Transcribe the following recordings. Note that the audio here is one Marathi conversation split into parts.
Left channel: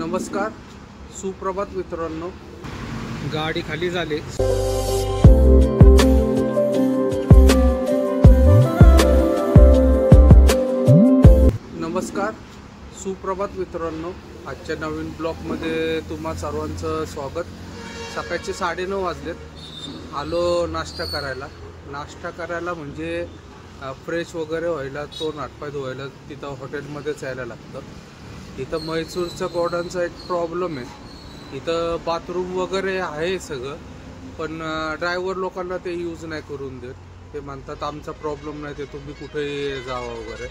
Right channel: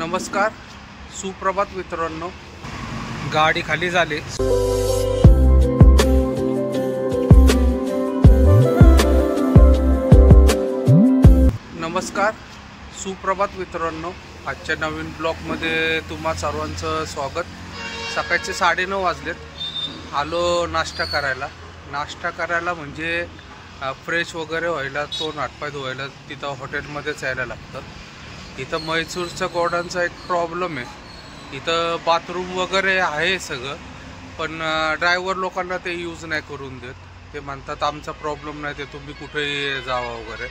नमस्कार, सुप्रभात मित्रांनो. गाडी खाली झाली. नमस्कार, सुप्रभात मित्रांनो. आजच्या नवीन ब्लॉगमध्ये तुम्हा सर्वांचं स्वागत. सकाळचे 9:30 वाजलेत. आलो नाश्ता करायला म्हणजे फ्रेश वगैरे व्हायला, तोंड हातपाय धुवायला तिथं हॉटेलमध्येच यायला लागतं. इथं म्हैसूरच्या गोडांचा एक प्रॉब्लेम आहे. इथं बाथरूम वगैरे आहे सगळं, पण ड्रायव्हर लोकांना ते यूज नाही करून देत. ते म्हणतात आमचा प्रॉब्लेम नाही, ते तुम्ही कुठेही जावा वगैरे.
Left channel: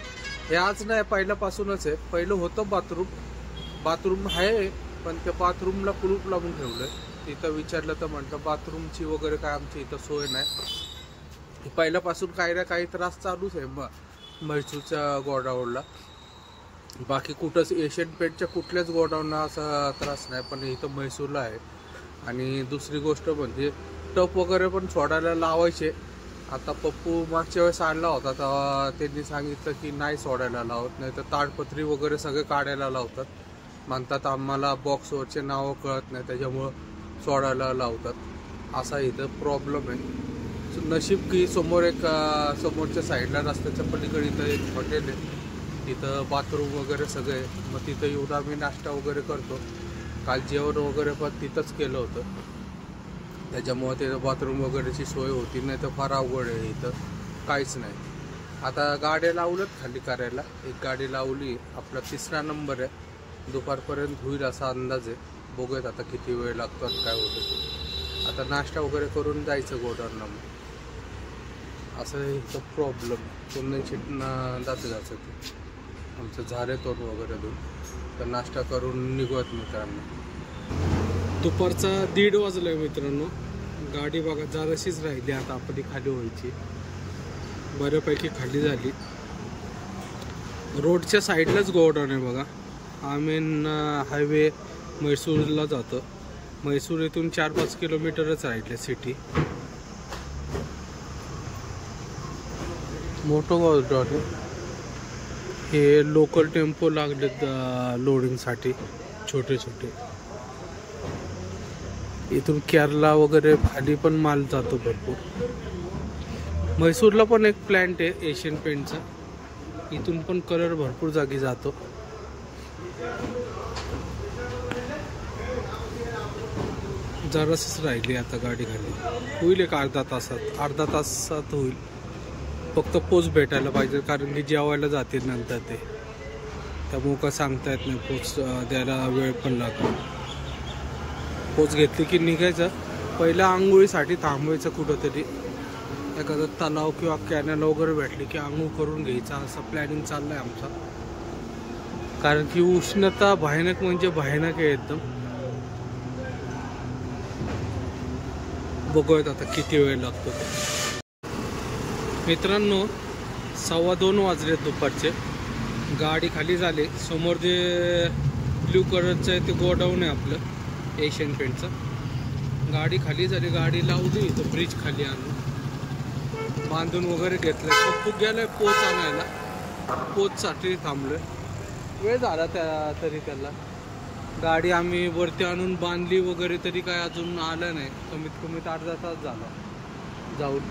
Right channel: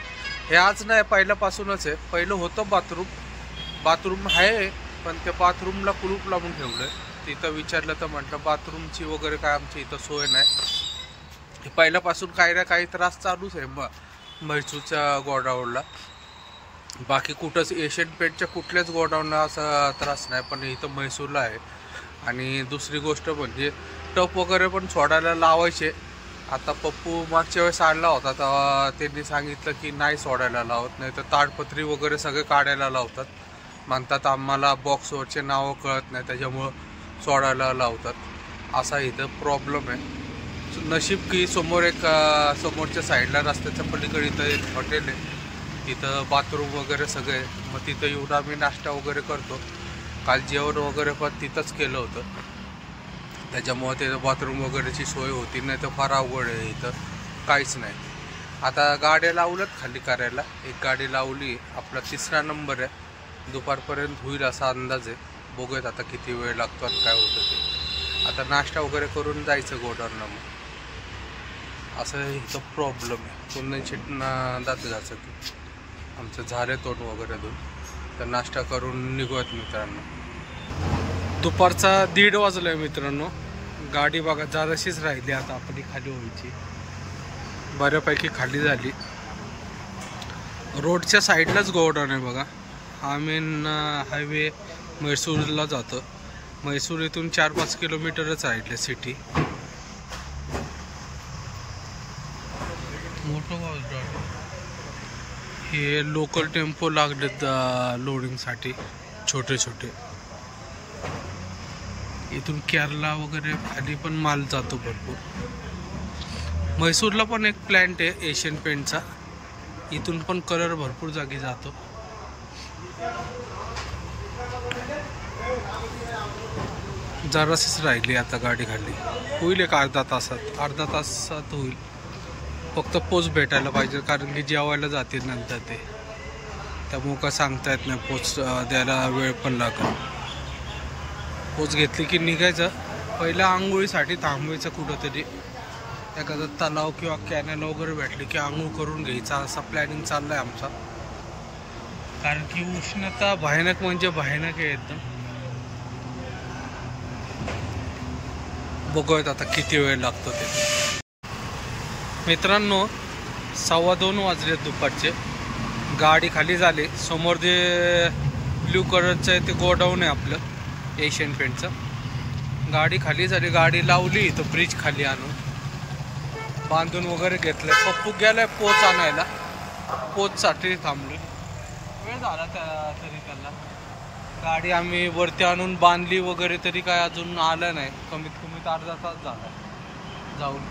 हे आज नाही, पहिल्यापासूनच आहे. पहिलं होतं बाथरूम आहे, पण त्या बाथरूमला कुलूप लावून ठेवलं आहे. तिथं विचारलं तर म्हटलं बाथरूमची वगैरे काय आमची इथं सोय नाही. पहिल्यापासून काही ना काही त्रास चालूच आहे म्हैसूरच्या गोडाऊनला. बाकी कुठंच एशियन पेंटच्या कुठल्याच गोडाऊनला असा त्रास नाही, पण इथं म्हैसूरला आहे. आणि दुसरी गोष्ट म्हणजे टप वगैरे पण सोडायला लावायचे. आता पप्पू मागच्या वेळेस आणला होता, तेव्हा त्यांनी सांगितलं की नाही सोडायला लावत, नाही तर ताडपत्री वगैरे सगळे काढायला लावतात. म्हणतात आम्हाला बॉक्सवरचे नावं कळत नाही, त्याच्यामुळं सोडायला लावतात. असा इथं प्रॉब्लेम आहे. नशीब की समोरच्या साईडला रस्त्याच्या पलीकडे इथं एक हॉटेल आहे, तिथं बाथरूम वगैरे सगळे. मग तिथं येऊन आम्ही नाश्ता वगैरे करतो. काल जेवण वगैरे पण तिथंच केलं होतं, त्याच्यामुळं तिथं बाथरूम वगैरेची सोय होती. नाही तर फार अवघड आहे, इथं काहीच नाही. आता गाड्या लावल्यात खाली करायला. एक गाडी लावली, आपला 3रा नंबर आहे. दुपारपर्यंत होईल असा अंदाज आहे. बघूयात आता किती वेळ लागतो आणि काय होतं ते. आता नाश्ता वगैरे करून जायचं गोडाऊनला. मग असं इथं प्रॉब्लेम आहे. तोंडांची दात घासत आमचं झाले तोंड वगैरे धुवून. तर नाश्ता करून निघूयात मित्रांनो. दुपारचा 1:30 वाजला आहे मित्रांनो. गाडी बघा जराशीच राहिली, आता आपली खाली व्हायची. बऱ्यापैकी खाली झाली. रोडच्या साईडलाच गोडाऊन आहे बघा. हा मेन हायवे म्हैसूरला जातं. म्हैसूर इथून 4-5 किलोमीटरच राहिले सिटी. मोठं गोडाऊन. हे लोकल टेम्पो लागलेत लोडिंगसाठी, छोटे छोटे. इथून केरला वगैरे खाली पण माल जातो भरपूर. म्हैसूरला पण एक प्लॅन्ट आहे एशियन पेंटचा, इथून पण कलर भरपूर जागी जातो. जराशीच राहिली आता गाडी खाली. होईल एक अर्धा तासात होईल. फक्त पोच भेटायला पाहिजे, कारण की जेवायला जातील नंतर ते. त्यामुळं का सांगता येत नाही, पोच द्यायला वेळ पण लागेल. पोच घेतली की निघायचं. पहिल्या आंघोळीसाठी थांबवायचं कुठंतरी. एखादा तलाव किंवा कॅनल वगैरे भेटली की आंघोळ करून घ्यायचा, असा प्लॅनिंग चालला आहे आमचा. कारण की उष्णता भयानक म्हणजे भयानक आहे एकदम. बघूयात आता किती वेळ लागतो ते. मित्रांनो 2:15 वाजले दुपारचे. गाडी खाली झाली. समोर जे ब्ल्यू कलरचं आहे ते गोडाऊन आहे आपलं एशियन पेंटचं. गाडी खाली झाली. गाडी लावली इथं ब्रिज खाली आणून बांधून वगैरे घेतलं. पप्पू गेलाय पोच आणायला, पोचसाठी थांबलोय. वेळ झाला तरी त्याला. गाडी आम्ही वरती आणून बांधली वगैरे, तरी काय अजून आलं नाही. कमीत कमी अर्धा तास झाला जाऊन.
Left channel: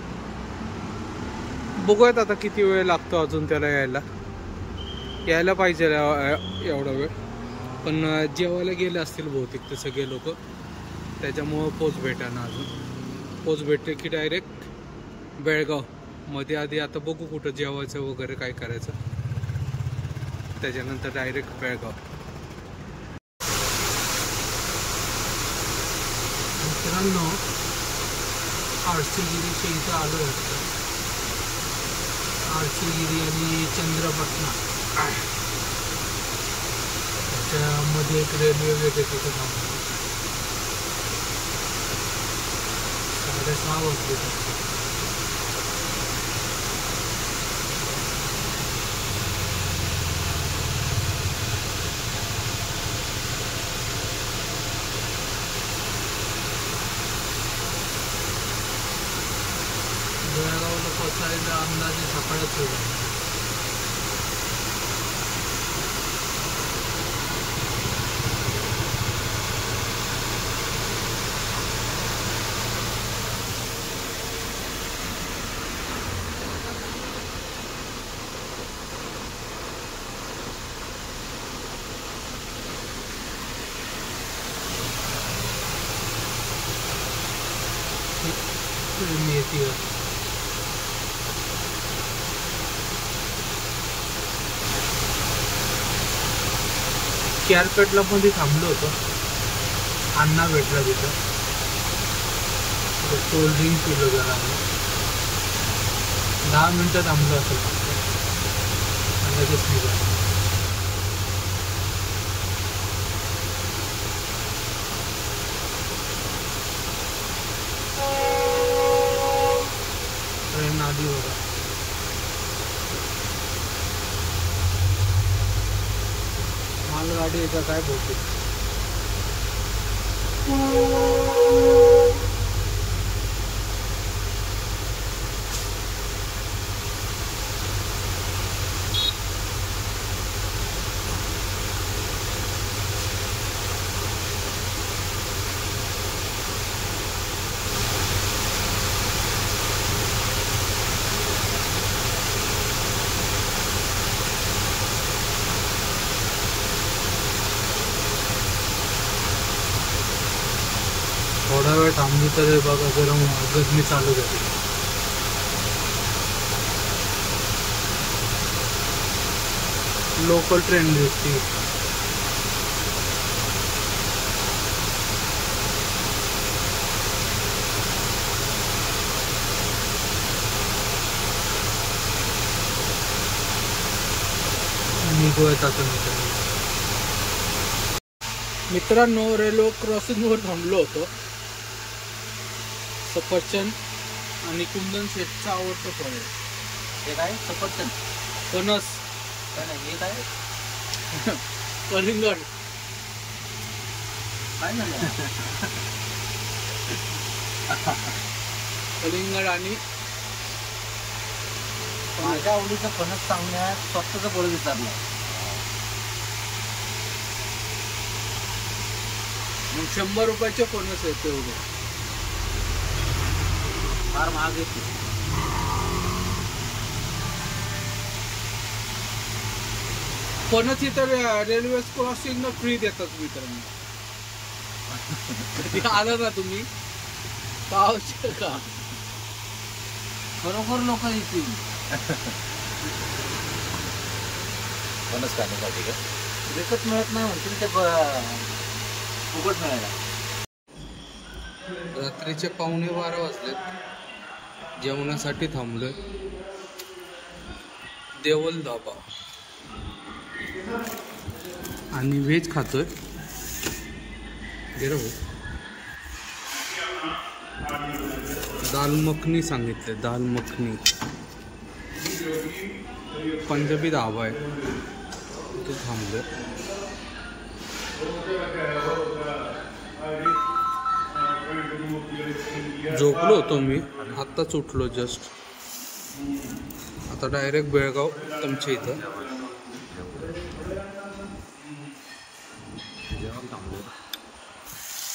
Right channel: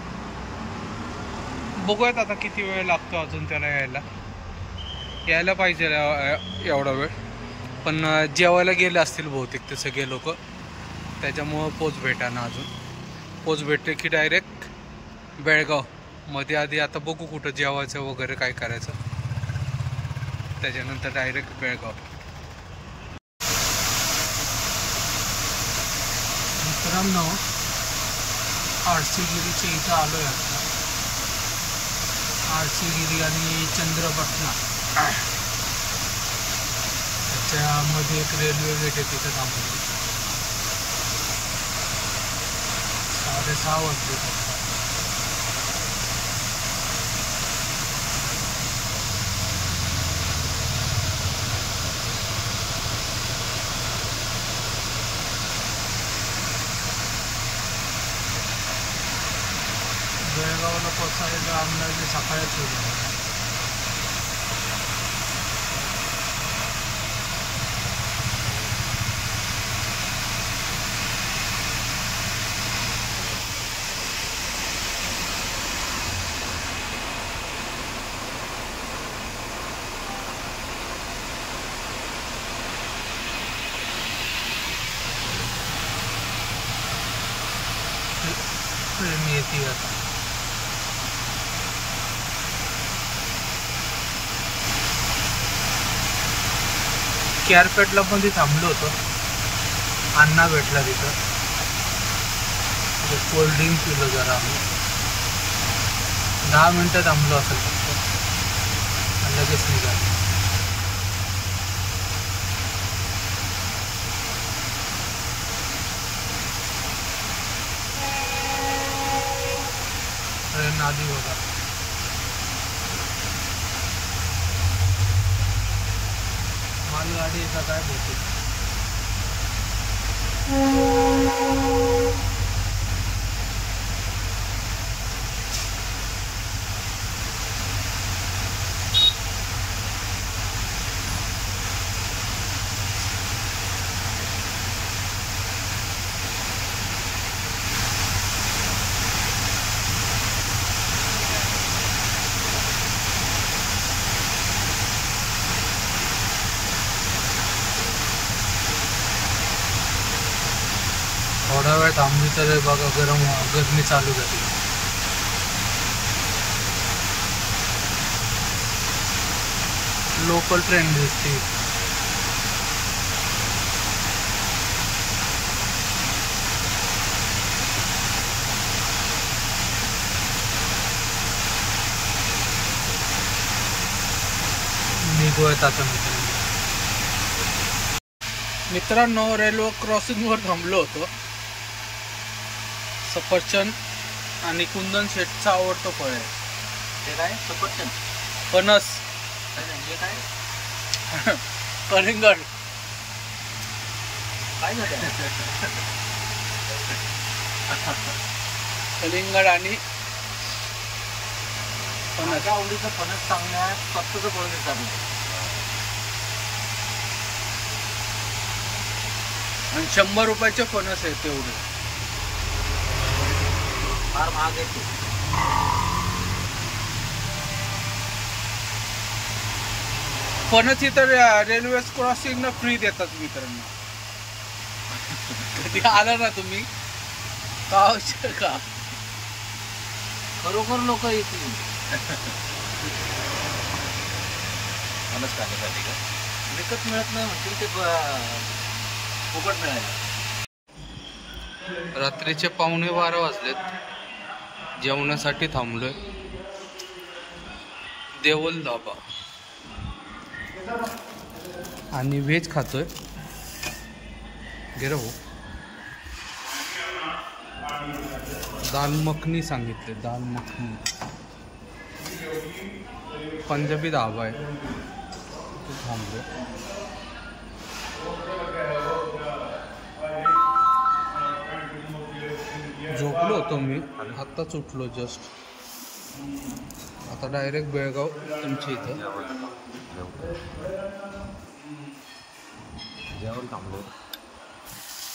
बघूयात आता किती वेळ लागतो अजून त्याला यायला पाहिजे एवढा वेळ. पण जेवायला गेले असतील बहुतेक ते सगळे लोक, त्याच्यामुळं पोच भेटाना अजून. पोच भेटले की डायरेक्ट बेळगाव मध्ये. आधी आता बघू कुठं जेवायचं वगैरे काय करायचं, त्याच्यानंतर डायरेक्ट बेळगाव. मित्रांनो आरसीगिरीच्या इथं आलोय आता. आरसीगिरी आणि चंद्रपटना त्याच्यामध्ये एक रेल्वे गेट आहे, तिथं थांबलो. 6:30 वाजले आता. बेळगावला पोचायला अंदाजे सकाळच होईल. ट्रेन येते आता. केअरपेटला पण थांबलो होतो. अण्णा भेटला तिथं. कोल्ड ड्रिंक पिलो जरा आम्ही. 10 मिनिटं थांबलो असेल फक्त आणि लगेच निघालो. ट्रेन आधी बघा. मालगाडी याचा काय बहुतेक. थोडा वेळ थांबली तर बघा गरमी चालू झाली. लोकल ट्रेन दिसते. निघूयात आता मित्रांनो. रेल्वे क्रॉसिंगवर थांबलो होतो. सफरचंद आणि कुंदन शेठचा आवडतो फळ आहे. हे काय सफरचंद? फणस. हे काय? कलिंगड. काय झालं? कलिंगड आणि फणस. आवडीचा फणस चांगला स्वतःच फळ विचारलं आणि 100 रुपयाचे फणस आहे तेवढे. फार महाग येते. फणस इतर रेल्वे क्रॉसिंग न फ्री देतात मित्रांनो. कधी आलं ना तुम्ही का खरोखर लोक येतील फणस खाण्यासाठी. विकत मिळत नाही म्हणून ते फुकट मिळायला. रात्रीचे 11:15 वाजलेत. जेवणासाठी थांबलोय. देवल धाबा आणि व्हेज खातोय. गे हो. दाल मखनी सांगितले. दाल मखनी. पंजाबी धाबा आहे. तो थांबलोय. झोपलो होतो मी. आत्ताच उठलो जस्ट. आता डायरेक्ट बेळगाव तुमच्या इथं.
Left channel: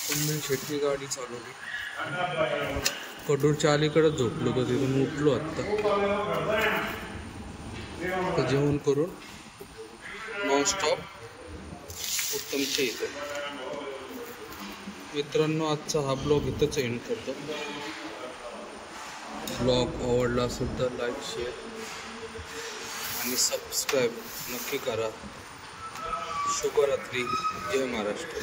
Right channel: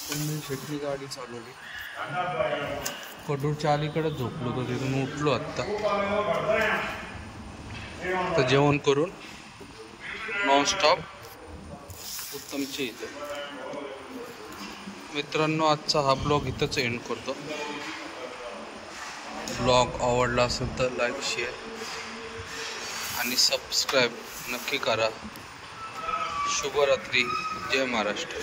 कुंदन शेट्टी गाडी चालवली. कडूरच्या अलीकडे झोपलो होतो. तिथून उठलो आत्ता. आता जेवण करून नॉनस्टॉप उत्तमच्या इथं. मित्रांनो आजचा हा ब्लॉग इथंच एंड करतो. ब्लॉग आवडला असेल तर लाईक शेअर आणि सबस्क्राईब नक्की करा. शुभरात्री. जय महाराष्ट्र.